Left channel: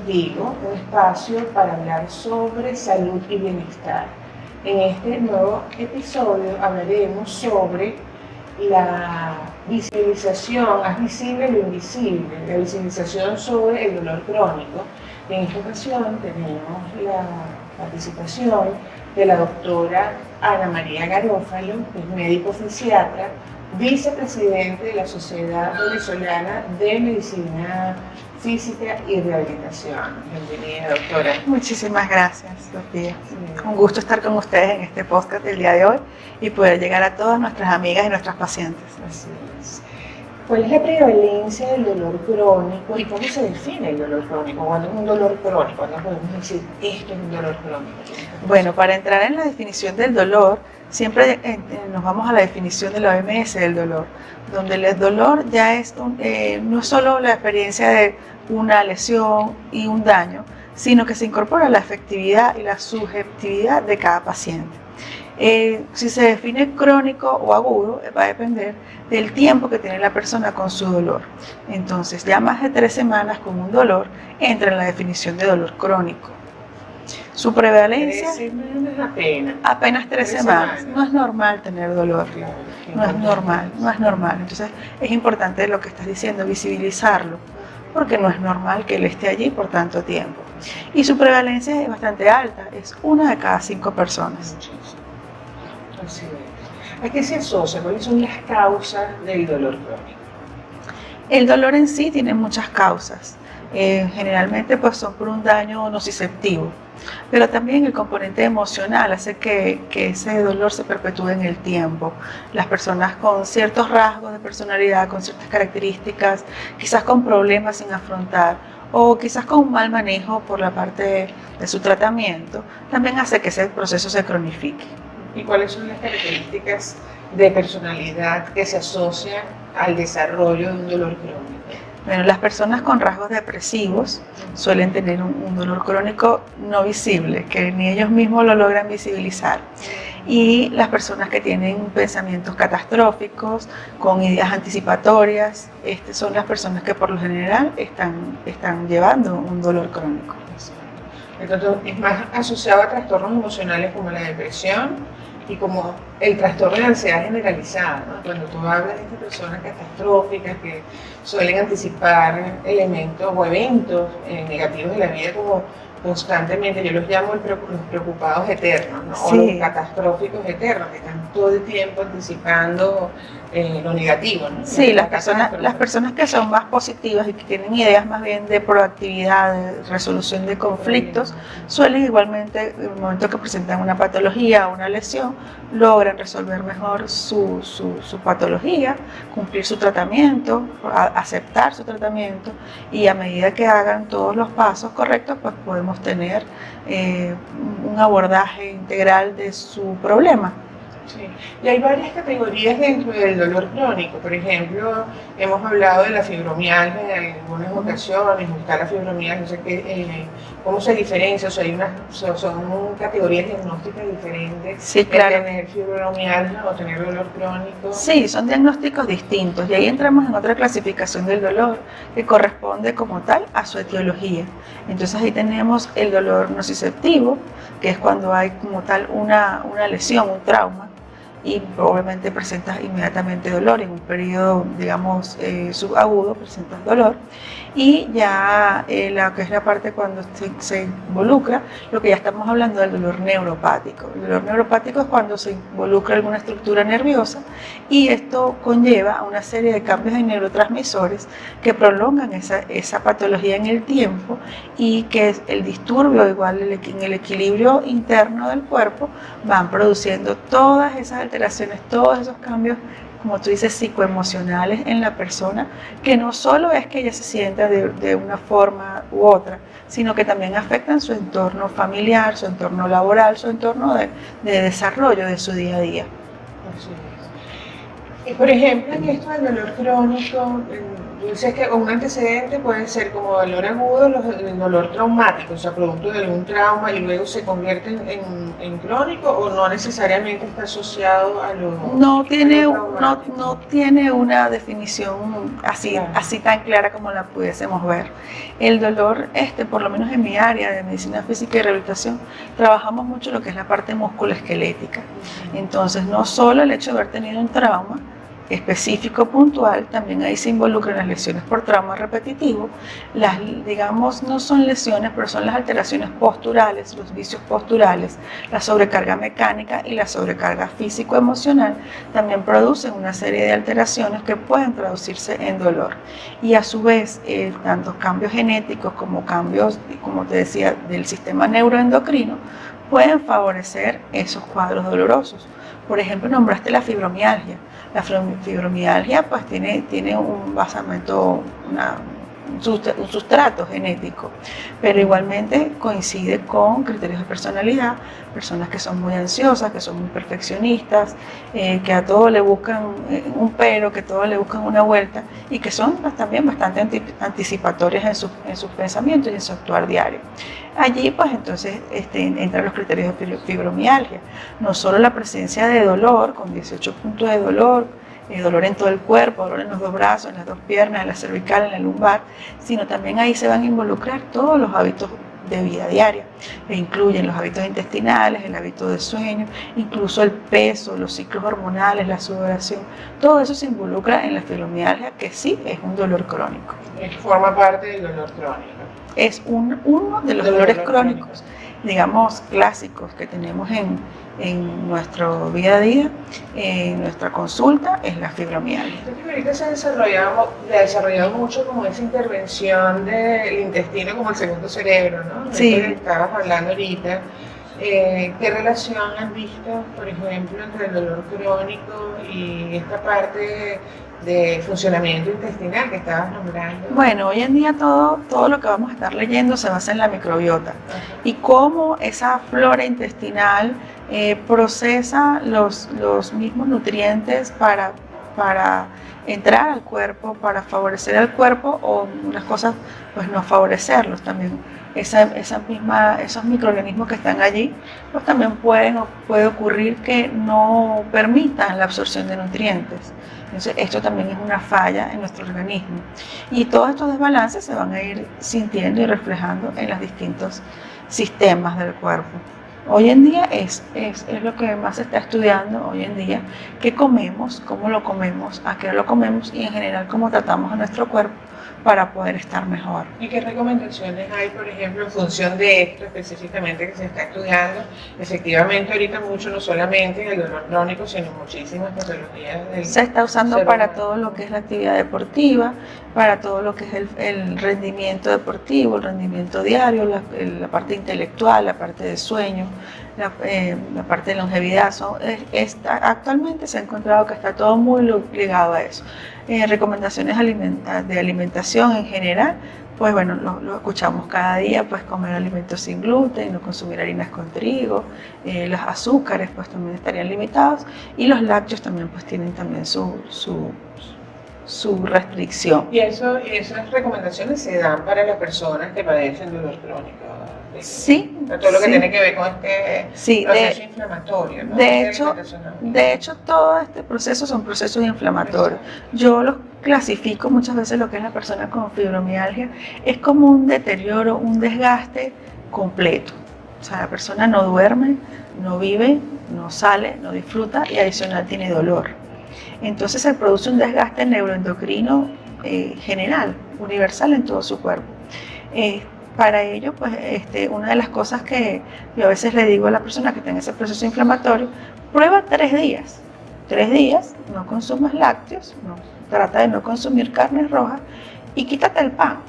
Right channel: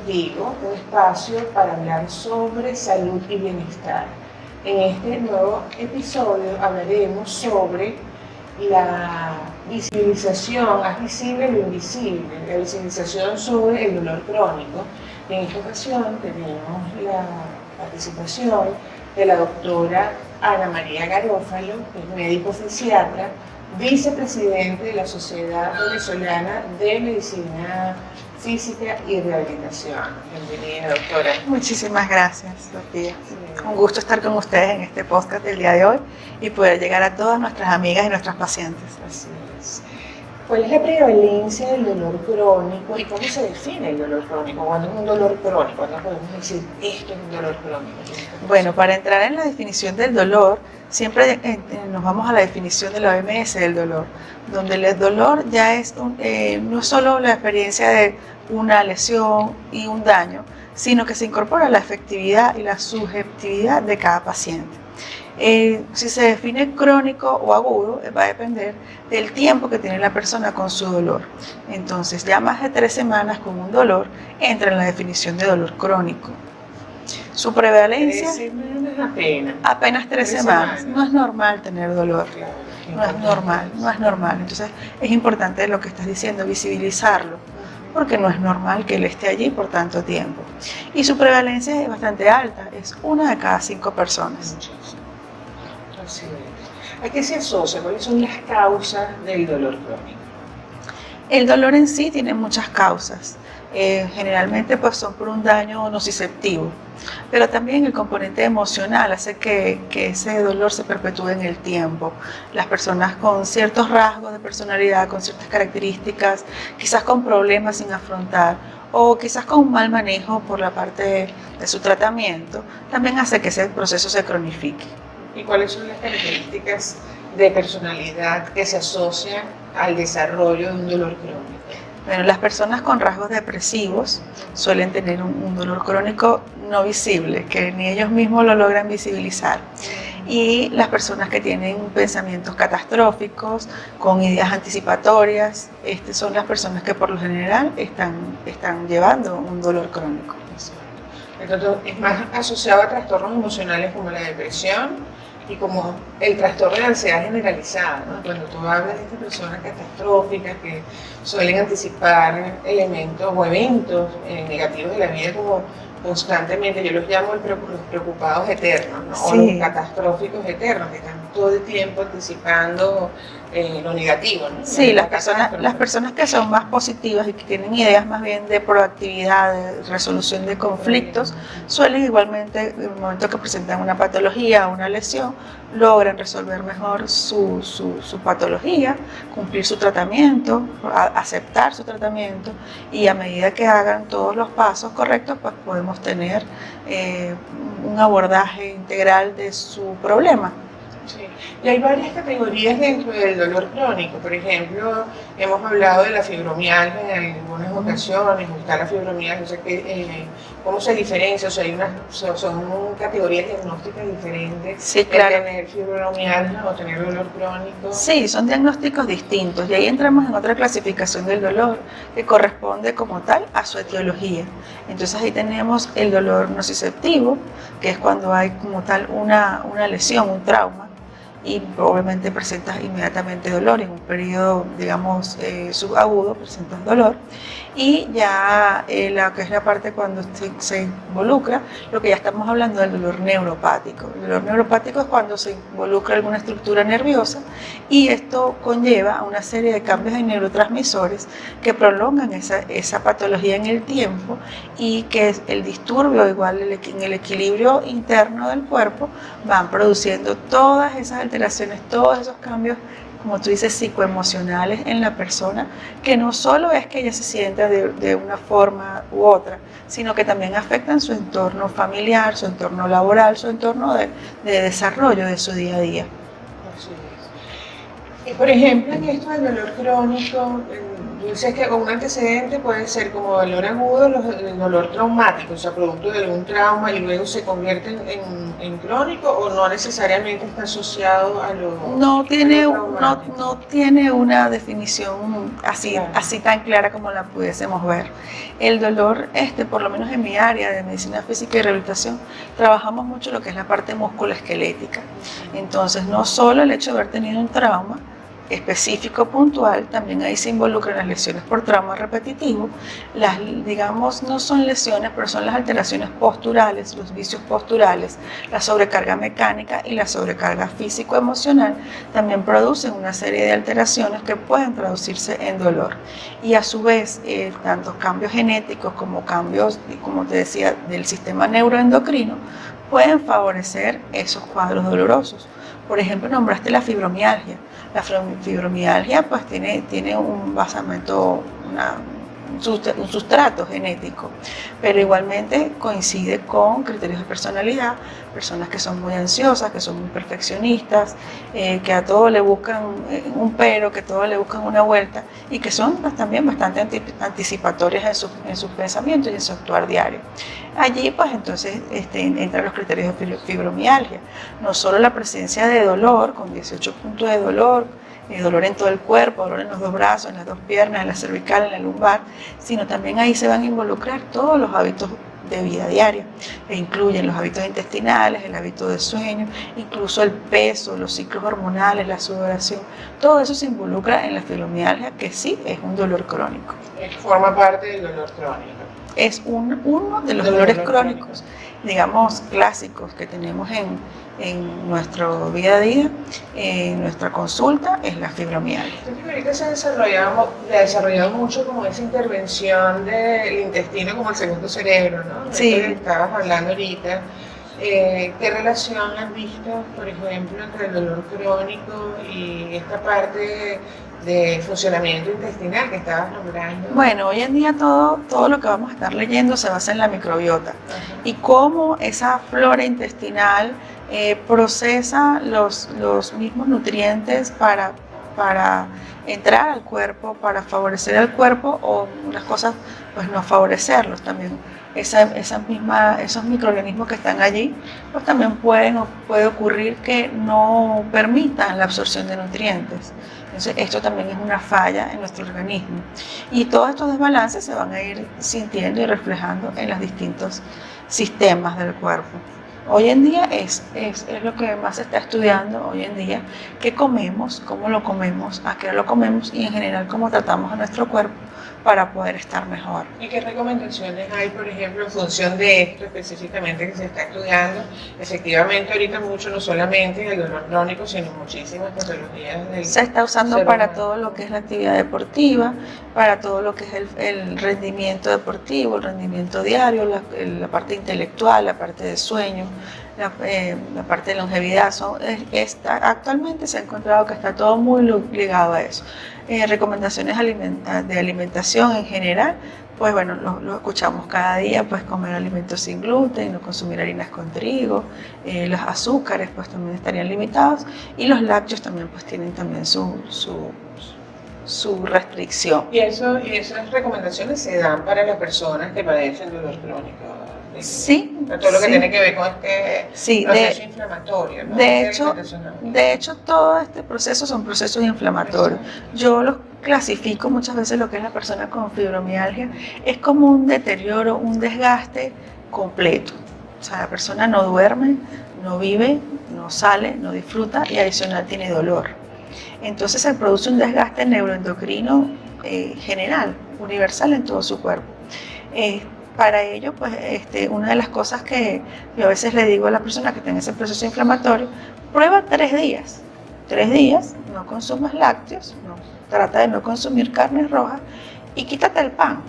contigo, un espacio para hablar sobre salud y bienestar. En este nuevo episodio hablaremos sobre la visibilización, haz visible lo invisible, la visibilización sobre el dolor crónico. En esta ocasión tenemos la participación de la doctora Ana María Garófalo, que es médico fisiatra, vicepresidente de la Sociedad Venezolana de Medicina Física y Rehabilitación. Bienvenida, doctora. Muchísimas gracias, Sofía. Un gusto estar con ustedes en este podcast del día de hoy y poder llegar a todas nuestras amigas y nuestros pacientes. Así es. ¿Cuál es la prevalencia del dolor crónico y cómo se define el dolor crónico? ¿Cuándo es un dolor crónico? ¿Cuándo podemos decir esto es un dolor crónico? Bueno, para entrar en la definición del dolor, siempre nos vamos a la definición de la OMS del dolor, donde el dolor ya es no solo la experiencia de una lesión y un daño, sino que se incorpora la afectividad y la subjetividad de cada paciente. Si se define crónico o agudo, va a depender del tiempo que tiene la persona con su dolor. Entonces, ya más de 3 semanas con un dolor entra en la definición de dolor crónico. Su prevalencia, 3 semanas apenas 3 semanas. No es normal tener dolor. No es normal. Entonces, es importante lo que estás diciendo, visibilizarlo, porque no es normal que él esté allí por tanto tiempo. Y su prevalencia es bastante alta, es 1 de cada 5 personas. Así es. ¿A qué se asocia? ¿Cuáles son las causas del dolor crónico? El dolor en sí tiene muchas causas. Generalmente pues, son por un daño nociceptivo, pero también el componente emocional hace que ese dolor se perpetúe en el tiempo. Las personas con ciertos rasgos de personalidad, con ciertas características, quizás con problemas sin afrontar o quizás con un mal manejo por la parte de su tratamiento, también hace que ese proceso se cronifique. ¿Y cuáles son las características de personalidad que se asocian al desarrollo de un dolor crónico? Bueno, las personas con rasgos depresivos suelen tener un dolor crónico no visible, que ni ellos mismos lo logran visibilizar. Y las personas que tienen pensamientos catastróficos, con ideas anticipatorias, son las personas que por lo general están llevando un dolor crónico. Entonces, es más asociado a trastornos emocionales como la depresión y como el trastorno de ansiedad generalizado, ¿no? Cuando tú hablas de estas personas catastróficas que suelen anticipar elementos o eventos negativos de la vida como constantemente, yo los llamo los preocupados eternos, ¿no? Sí. O los catastróficos eternos, que están todo el tiempo anticipando lo negativo, ¿no? Sí, las personas que son más positivas y que tienen ideas más bien de proactividad, de resolución de conflictos, suelen igualmente, en el momento que presentan una patología o una lesión, logran resolver mejor su patología, cumplir su tratamiento, aceptar su tratamiento, y a medida que hagan todos los pasos correctos, pues podemos tener un abordaje integral de su problema. Sí. Y hay varias categorías dentro del dolor crónico. Por ejemplo, hemos hablado de la fibromialgia en algunas ocasiones, está la fibromialgia, o sea, ¿cómo se diferencia? O sea, son categorías diagnósticas diferentes. Sí, claro. ¿Tener fibromialgia o tener dolor crónico? Sí, son diagnósticos distintos y ahí entramos en otra clasificación del dolor que corresponde como tal a su etiología. Entonces ahí tenemos el dolor nociceptivo, que es cuando hay como tal una lesión, un trauma, y probablemente presentas inmediatamente dolor. En un periodo, digamos, subagudo presentas dolor. Y ya la que es la parte cuando se involucra, lo que ya estamos hablando del dolor neuropático. El dolor neuropático es cuando se involucra alguna estructura nerviosa y esto conlleva a una serie de cambios en neurotransmisores que prolongan esa patología en el tiempo, y que el disturbio, igual en el equilibrio interno del cuerpo, van produciendo todas esas alteraciones, todos esos cambios, como tú dices, psicoemocionales en la persona, que no solo es que ella se sienta de una forma u otra, sino que también afectan su entorno familiar, su entorno laboral, su entorno de desarrollo de su día a día. Así es. Por ejemplo, en esto del dolor crónico, Dices que un antecedente puede ser como dolor agudo, el dolor traumático, o sea, producto de algún trauma y luego se convierte en crónico, o no necesariamente está asociado a No a tiene, lo traumático. no tiene una definición así, Claro. así tan clara como la pudiésemos ver. El dolor, por lo menos en mi área de medicina física y rehabilitación, trabajamos mucho lo que es la parte musculoesquelética. Entonces, no solo el hecho de haber tenido un trauma específico, puntual, también ahí se involucran las lesiones por trauma repetitivo. Las, digamos, no son lesiones, pero son las alteraciones posturales, los vicios posturales, la sobrecarga mecánica y la sobrecarga físico-emocional también producen una serie de alteraciones que pueden traducirse en dolor. Y a su vez, tanto cambios genéticos como cambios, como te decía, del sistema neuroendocrino pueden favorecer esos cuadros dolorosos. Por ejemplo, nombraste la fibromialgia. La fibromialgia pues tiene un basamento, un sustrato genético, pero igualmente coincide con criterios de personalidad, personas que son muy ansiosas, que son muy perfeccionistas, que a todo le buscan un pero, que a todo le buscan una vuelta y que son pues, también bastante anticipatorias en sus pensamientos y en su actuar diario. Allí pues entonces entran los criterios de fibromialgia, no solo la presencia de dolor, con 18 puntos de dolor en todo el cuerpo, dolor en los dos brazos, en las dos piernas, en la cervical, en la lumbar, sino también ahí se van a involucrar todos los hábitos de vida diaria, que incluyen los hábitos intestinales, el hábito de sueño, incluso el peso, los ciclos hormonales, la sudoración, todo eso se involucra en la fibromialgia, que sí es un dolor crónico. Que forma parte del dolor crónico. Es uno de los dolores crónicos, digamos, clásicos que tenemos en nuestro día a día, en nuestra consulta, es la fibromialgia. Ahorita se ha desarrollado mucho como esa intervención del intestino como el segundo cerebro, ¿no? Sí. De lo que estabas hablando ahorita. ¿Qué relación han visto, por ejemplo, entre el dolor crónico y esta parte de funcionamiento intestinal que estabas nombrando? Bueno, hoy en día todo lo que vamos a estar leyendo se basa en la microbiota y cómo esa flora intestinal procesa los mismos nutrientes para entrar al cuerpo, para favorecer al cuerpo o unas cosas pues no favorecerlos también. Esos microorganismos que están allí, pues también puede ocurrir que no permitan la absorción de nutrientes. Entonces, esto también es una falla en nuestro organismo. Y todos estos desbalances se van a ir sintiendo y reflejando en los distintos sistemas del cuerpo. Hoy en día es lo que más se está estudiando hoy en día, qué comemos, cómo lo comemos, a qué lo comemos y en general cómo tratamos a nuestro cuerpo para poder estar mejor. ¿Y qué recomendaciones hay, por ejemplo, en función de esto específicamente que se está estudiando? Efectivamente, ahorita mucho, no solamente el dolor crónico, sino muchísimas patologías. Se está usando para todo lo que es la actividad deportiva, para todo lo que es el rendimiento deportivo, el rendimiento diario, la parte intelectual, la parte de sueño, la parte de longevidad. Actualmente se ha encontrado que está todo muy ligado a eso. Recomendaciones de alimentación en general, pues bueno, lo escuchamos cada día, pues comer alimentos sin gluten, no consumir harinas con trigo, los azúcares pues también estarían limitados y los lácteos también pues tienen también su restricción. ¿Y esas recomendaciones se dan para las personas que padecen dolor crónico? Sí. Todo lo que tiene que ver con este proceso inflamatorio, ¿no? De hecho, todo este proceso son procesos inflamatorios. Yo los clasifico muchas veces lo que es la persona con fibromialgia, es como un deterioro, un desgaste completo. O sea, la persona no duerme, no vive, no sale, no disfruta y adicional tiene dolor. Entonces se produce un desgaste neuroendocrino general, universal en todo su cuerpo. Para ello, pues, una de las cosas que yo a veces le digo a la persona que tiene ese proceso inflamatorio, prueba 3 días. 3 días, no consumas lácteos, trata de no consumir carnes rojas y quítate el pan.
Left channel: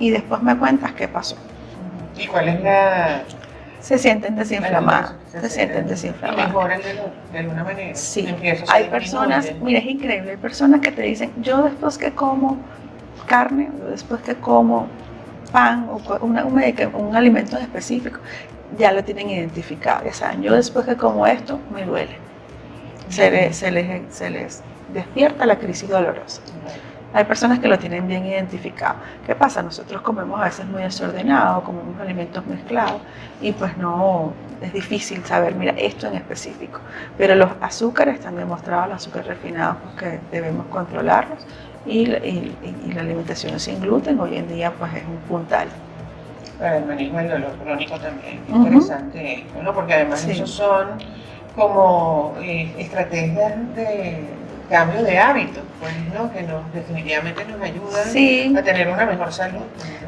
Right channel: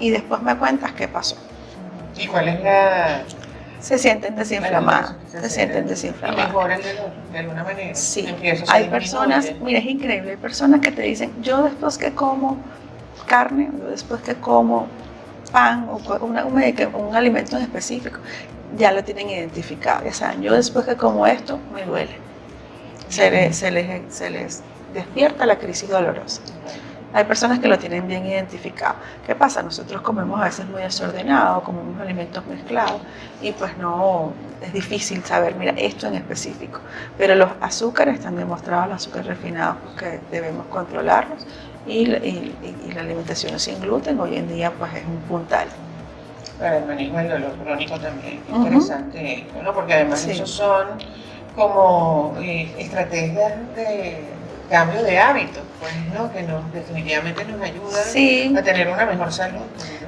Y después me cuentas qué pasó. ¿Y cuál es la...? Se sienten desinflamados. ¿Y mejoran de alguna manera? Sí. Hay personas, mira, es increíble, hay personas que te dicen, yo después que como carne, después que como pan o un alimento específico, ya lo tienen identificado. Ya saben, yo después que como esto, me duele. Se les despierta la crisis dolorosa. Hay personas que lo tienen bien identificado. ¿Qué pasa? Nosotros comemos a veces muy desordenado, comemos alimentos mezclados y pues no, es difícil saber, mira, esto en específico. Pero los azúcares están demostrados, los azúcares refinados, porque debemos controlarlos y la alimentación sin gluten hoy en día pues es un puntal. Para el manejo del dolor crónico también, interesante, ¿no? Porque además esos son como estrategias de cambio de hábitos, pues, ¿no? Que definitivamente nos ayudan a tener una mejor salud.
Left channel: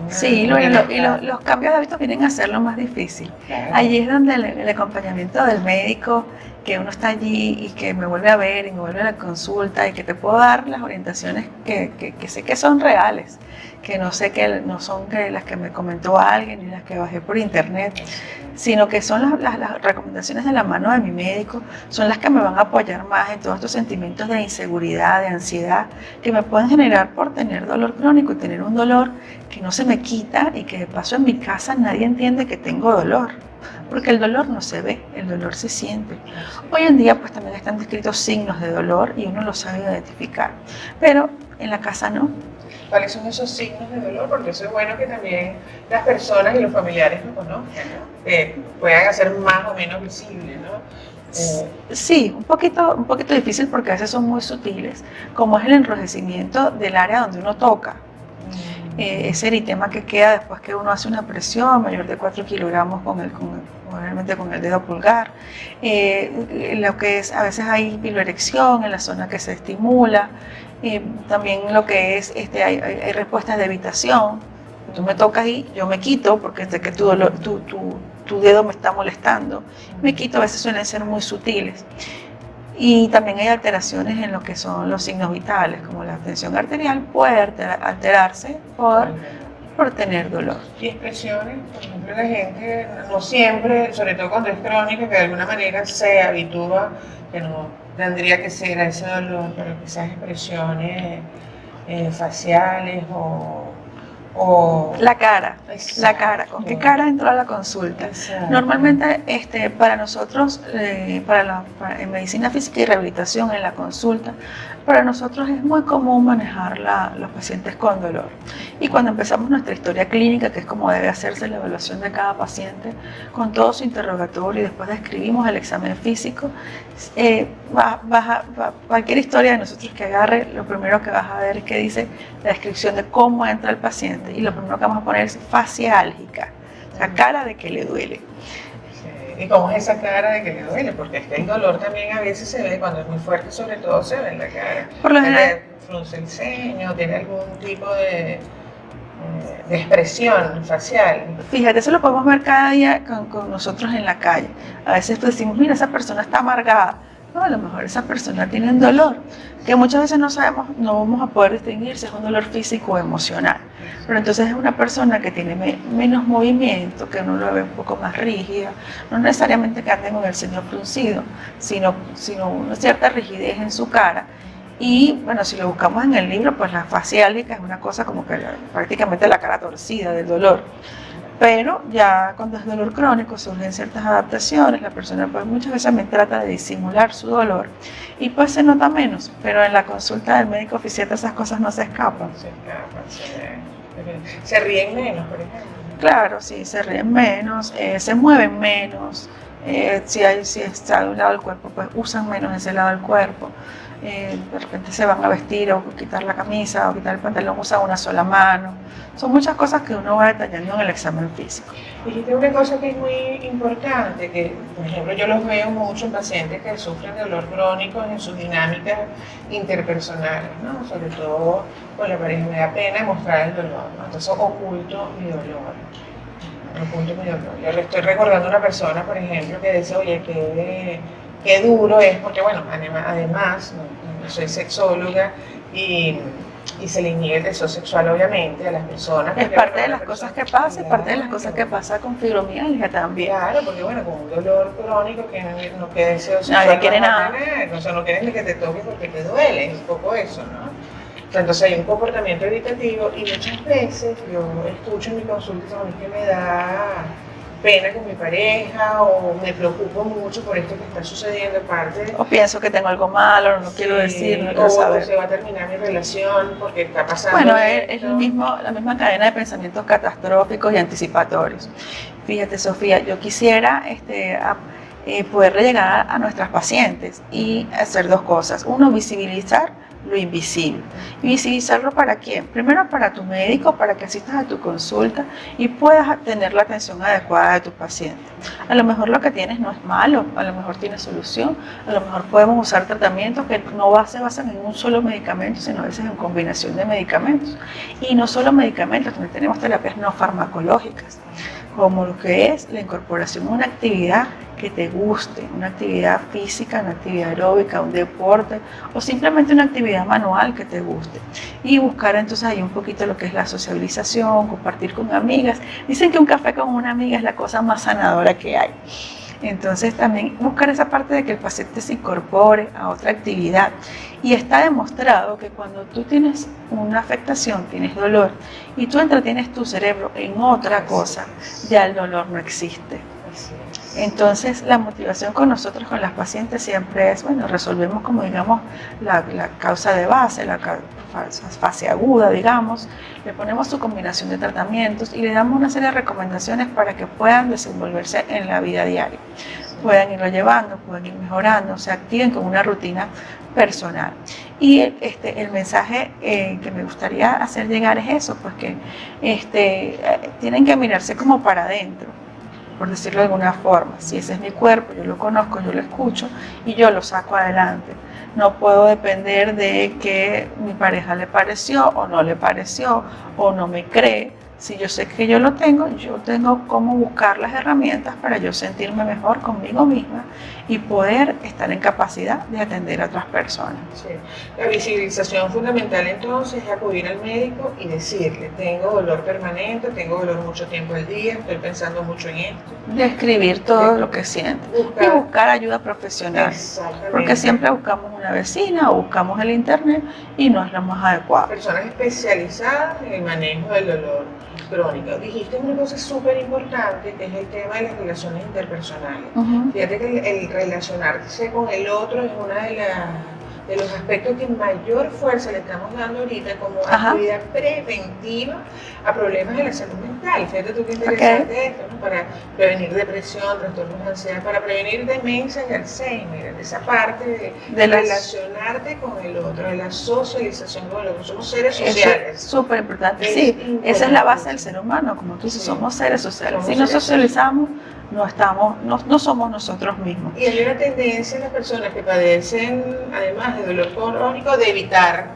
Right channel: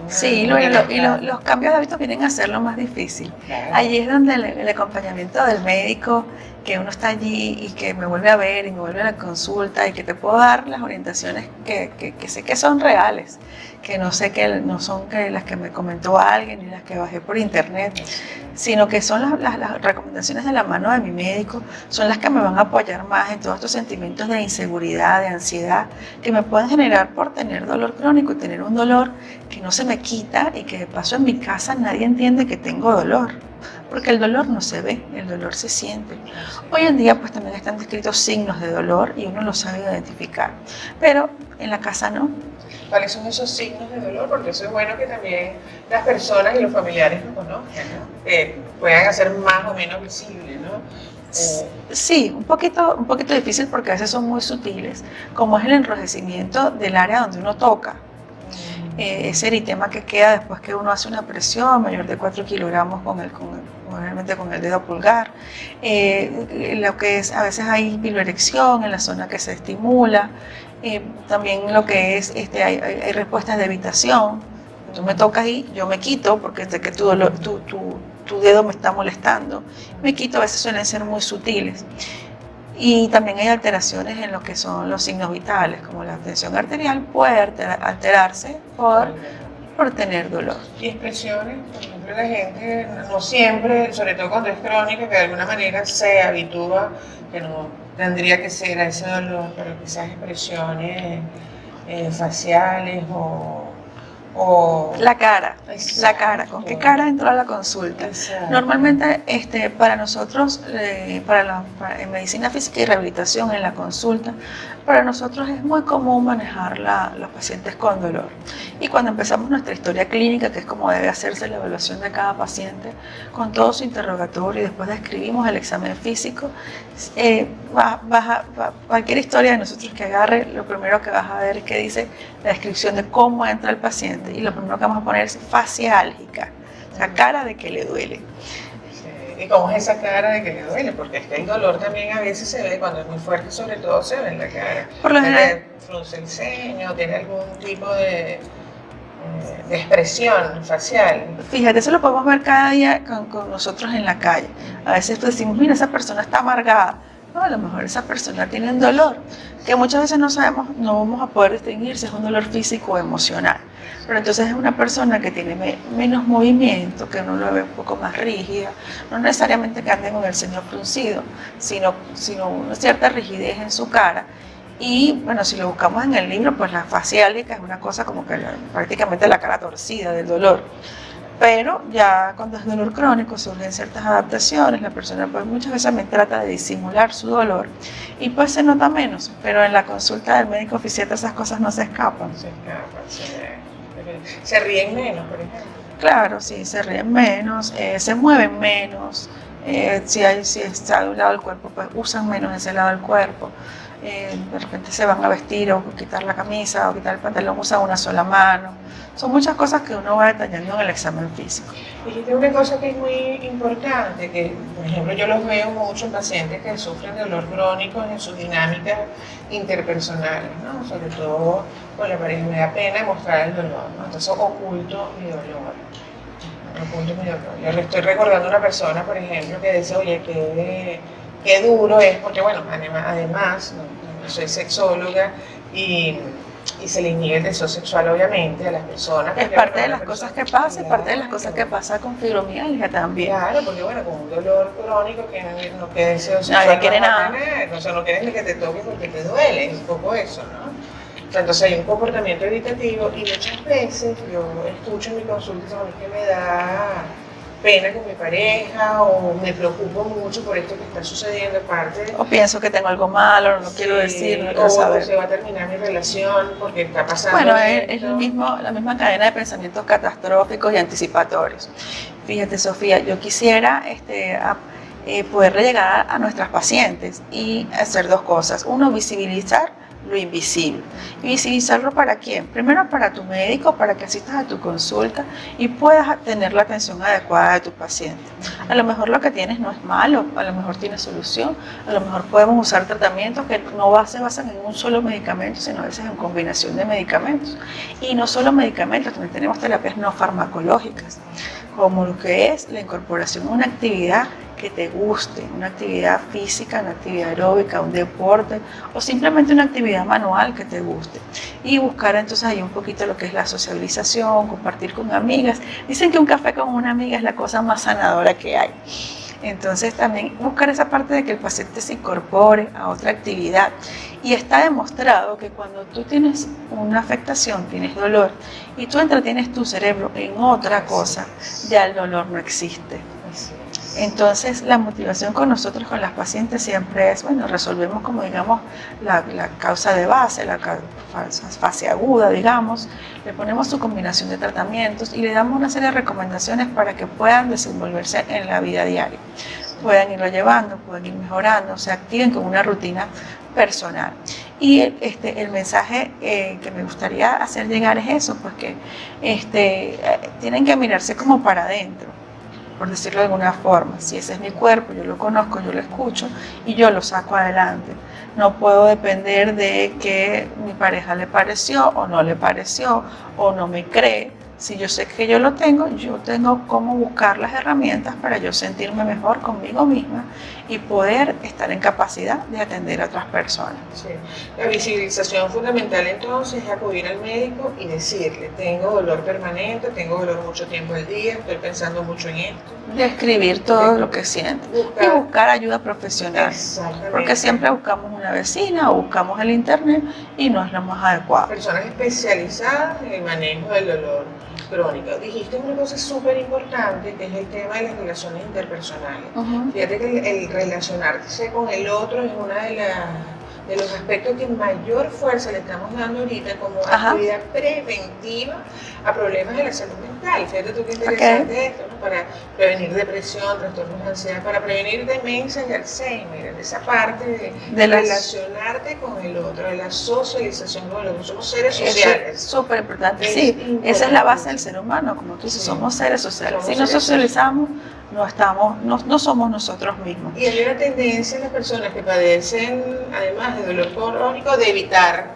Sí, los cambios de hábitos vienen a ser lo más difícil. Claro. Allí es donde el acompañamiento del médico, que uno está allí y que me vuelve a ver y me vuelve a la consulta y que te puedo dar las orientaciones que sé que son reales, que no sé que no son que las que me comentó alguien ni las que bajé por internet, sino que son las recomendaciones de la mano de mi médico, son las que me van a apoyar más en todos estos sentimientos de inseguridad, de ansiedad, que me pueden generar por tener dolor crónico y tener un dolor que no se me quita y que de paso en mi casa nadie entiende que tengo dolor, porque el dolor no se ve, el dolor se siente. Hoy en día pues también están descritos signos de dolor y uno los sabe identificar, pero en la casa no. ¿Cuáles son esos signos de dolor? Porque eso es bueno que también las personas y los familiares lo conozcan, ¿no? Que puedan hacer más o menos visibles, ¿no? Sí, un poquito difícil porque a veces son muy sutiles, como es el enrojecimiento del área donde uno toca. Ese eritema que queda después que uno hace una presión mayor de 4 kilogramos obviamente con el dedo pulgar, lo que es, a veces hay piloerección en la zona que se estimula, también lo que es, hay respuestas de evitación, tú me tocas y yo me quito porque sé que tu dedo me está molestando, me quito, a veces suelen ser muy sutiles. Y también hay alteraciones en lo que son los signos vitales, como la tensión arterial puede alterarse por tener dolor. Y expresiones, por ejemplo, la gente no siempre, sobre todo cuando es crónico, que de alguna manera se habitúa, que no tendría que ser a ese dolor, pero quizás expresiones faciales o la cara, ¿con qué cara entró a la consulta? Exacto. Normalmente para nosotros, en medicina física y rehabilitación en la consulta, para nosotros es muy común manejar los pacientes con dolor. Y cuando empezamos nuestra historia clínica, que es como debe hacerse la evaluación de cada paciente, con todo su interrogatorio y después describimos el examen físico, cualquier historia de nosotros que agarre, lo primero que vas a ver es que dice la descripción de cómo entra el paciente y lo primero que vamos a poner es faciálgica, la cara de que le duele. ¿Y cómo es esa cara de que le duele? Porque es que el dolor también a veces se ve, cuando es muy fuerte, sobre todo se ve en la cara. Por lo general, frunce el ceño, tiene algún tipo de expresión facial. Fíjate, eso lo podemos ver cada día con nosotros en la calle. A veces decimos, mira, esa persona está amargada. No, a lo mejor esa persona tiene un dolor que muchas veces no sabemos, no vamos a poder distinguir si es un dolor físico o emocional. Pero entonces es una persona que tiene menos movimiento, que uno lo ve un poco más rígida, no necesariamente que ande con el ceño fruncido, sino una cierta rigidez en su cara. Y bueno, si lo buscamos en el libro, pues la faciálgica es una cosa como que prácticamente la cara torcida del dolor. Pero ya cuando es dolor crónico surgen ciertas adaptaciones, la persona pues muchas veces me trata de disimular su dolor y pues se nota menos, pero en la consulta del médico oficial esas cosas no se escapan. Se ríen menos, por ejemplo. Claro, sí, se ríen menos, se mueven menos, si está de un lado del cuerpo, pues usan menos ese lado del cuerpo. De repente se van a vestir o quitar la camisa o quitar el pantalón, usan una sola mano. Son muchas cosas que uno va detallando en el examen físico. Dijiste una cosa que es muy importante, que por ejemplo yo los veo mucho en pacientes que sufren de dolor crónico en sus dinámicas interpersonales, ¿no? Sobre todo con la pareja, me da pena mostrar el dolor, ¿no? Entonces oculto mi dolor. Yo le estoy recordando a una persona, por ejemplo, que dice, oye, qué duro es, porque bueno, además soy sexóloga y se le niega el deseo sexual obviamente a las personas. Es parte de las cosas que pasa, es parte de las cosas que pasa con fibromialgia también. Claro, porque bueno, con un dolor crónico que no quiere deseo sexual. Nadie quiere nada. O sea, no quieres ni que te toque porque te duele, es un poco eso, ¿no? Entonces hay un comportamiento evitativo y muchas veces yo escucho en mi consulta a mí que me da pena con mi pareja o me preocupo mucho por esto que está sucediendo, parte O pienso que tengo algo malo, no quiero decir, no quiero o saber. se va a terminar mi relación porque está pasando Bueno, esto. es la misma cadena de pensamientos catastróficos y anticipatorios. Fíjate, Sofía, yo quisiera poderle llegar a nuestras pacientes y hacer dos cosas. Uno, visibilizar lo invisible. ¿Y visibilizarlo para quién? Primero para tu médico, para que asistas a tu consulta y puedas tener la atención adecuada de tu paciente. A lo mejor lo que tienes no es malo, a lo mejor tiene solución, a lo mejor podemos usar tratamientos que no se basan en un solo medicamento, sino a veces en combinación de medicamentos. Y no solo medicamentos, también tenemos terapias no farmacológicas, como lo que es la incorporación de una actividad que te guste, una actividad física, una actividad aeróbica, un deporte o simplemente una actividad manual que te guste. Y buscar entonces ahí un poquito lo que es la sociabilización, compartir con amigas. Dicen que un café con una amiga es la cosa más sanadora que hay. Entonces también buscar esa parte de que el paciente se incorpore a otra actividad. Y está demostrado que cuando tú tienes una afectación, tienes dolor, y tú entretienes tu cerebro en otra cosa, ya el dolor no existe. Entonces la motivación con nosotros, con las pacientes, siempre es, bueno, resolvemos como digamos la causa de base, la fase aguda, digamos, le ponemos su combinación de tratamientos y le damos una serie de recomendaciones para que puedan desenvolverse en la vida diaria, puedan irlo llevando, puedan ir mejorando, se activen con una rutina personal. Y el mensaje que me gustaría hacer llegar es eso, pues que tienen que mirarse como para adentro, por decirlo de alguna forma. Si ese es mi cuerpo, yo lo conozco, yo lo escucho y yo lo saco adelante. No puedo depender de que mi pareja le pareció o no le pareció o no me cree. Si yo sé que yo lo tengo, yo tengo cómo buscar las herramientas para yo sentirme mejor conmigo misma y poder estar en capacidad de atender a otras personas. Sí. La visibilización fundamental entonces es acudir al médico y decirle, tengo dolor permanente, tengo dolor mucho tiempo al día, estoy pensando mucho en esto. Describir todo lo que sientes y buscar ayuda profesional. Porque siempre buscamos una vecina o buscamos el internet y no es lo más adecuado. Personas especializadas en el manejo del dolor crónico. Dijiste una cosa súper importante, que es el tema de las relaciones interpersonales. Fíjate que el relacionarse con el otro es una de los aspectos que mayor fuerza le estamos dando ahorita como actividad preventiva a problemas de la salud mental. Fíjate tú qué interesante esto, ¿no? Para prevenir depresión, trastornos de ansiedad, para prevenir demencia y Alzheimer, esa parte de relacionarte con el otro, de la socialización con el otro. Somos seres sociales. Es súper importante, sí. Esa es la base del ser humano, como tú dices, somos seres sociales. Si no socializamos, no somos nosotros mismos. Y hay una tendencia en las personas que padecen, además de dolor crónico, de evitar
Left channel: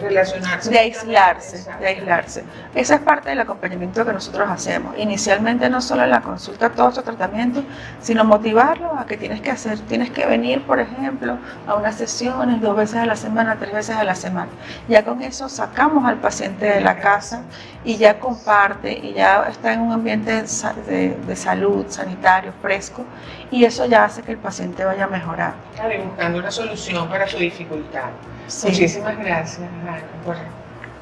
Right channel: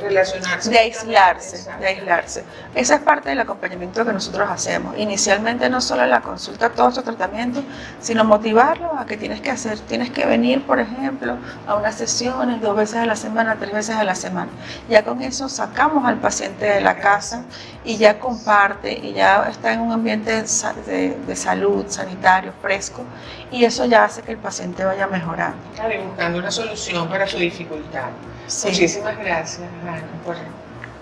relacionarse. De aislarse. Esa es parte del acompañamiento que nosotros hacemos. Inicialmente no solo en la consulta, todos estos tratamientos, sino motivarlo a que tienes que venir, por ejemplo, a unas sesiones 2 veces a la semana, 3 veces a la semana. Ya con eso sacamos al paciente de la casa y ya comparte y ya está en un ambiente de salud, sanitario, fresco, y eso ya hace que el paciente vaya mejorando. Claro, y buscando una solución para su dificultad. Sí. Muchísimas gracias,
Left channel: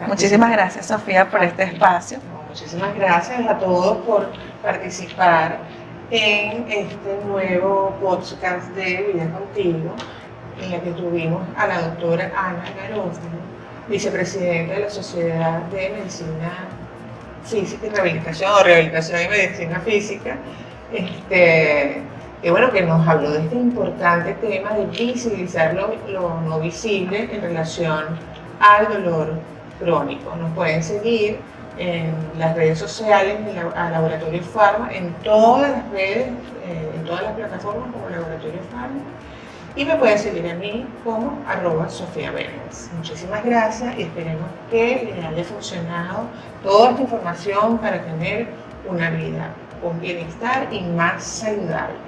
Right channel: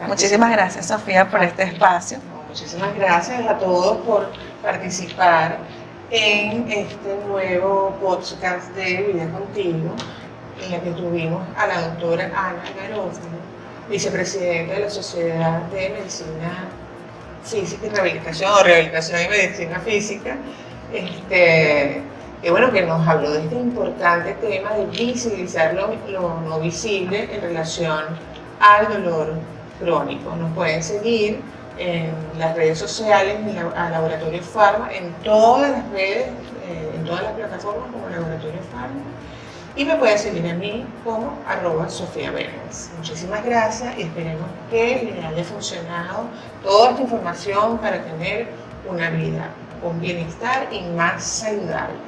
Muchísimas gracias, Sofía, por este espacio. Muchísimas gracias a todos por participar en este nuevo podcast de Vida Contigo, en el que tuvimos a la doctora Ana Garófalo, vicepresidenta de la Sociedad de Medicina Física y Rehabilitación, o Rehabilitación y Medicina Física, que bueno, que nos habló de este importante tema de visibilizar lo no visible en relación al dolor crónico. Nos pueden seguir en las redes sociales, a Laboratorio Pharma, en todas las redes, en todas las plataformas como Laboratorio Pharma, y me pueden seguir a mí como @SofiaBenes. Muchísimas gracias y esperemos que les haya funcionado toda esta información para tener una vida con bienestar y más saludable.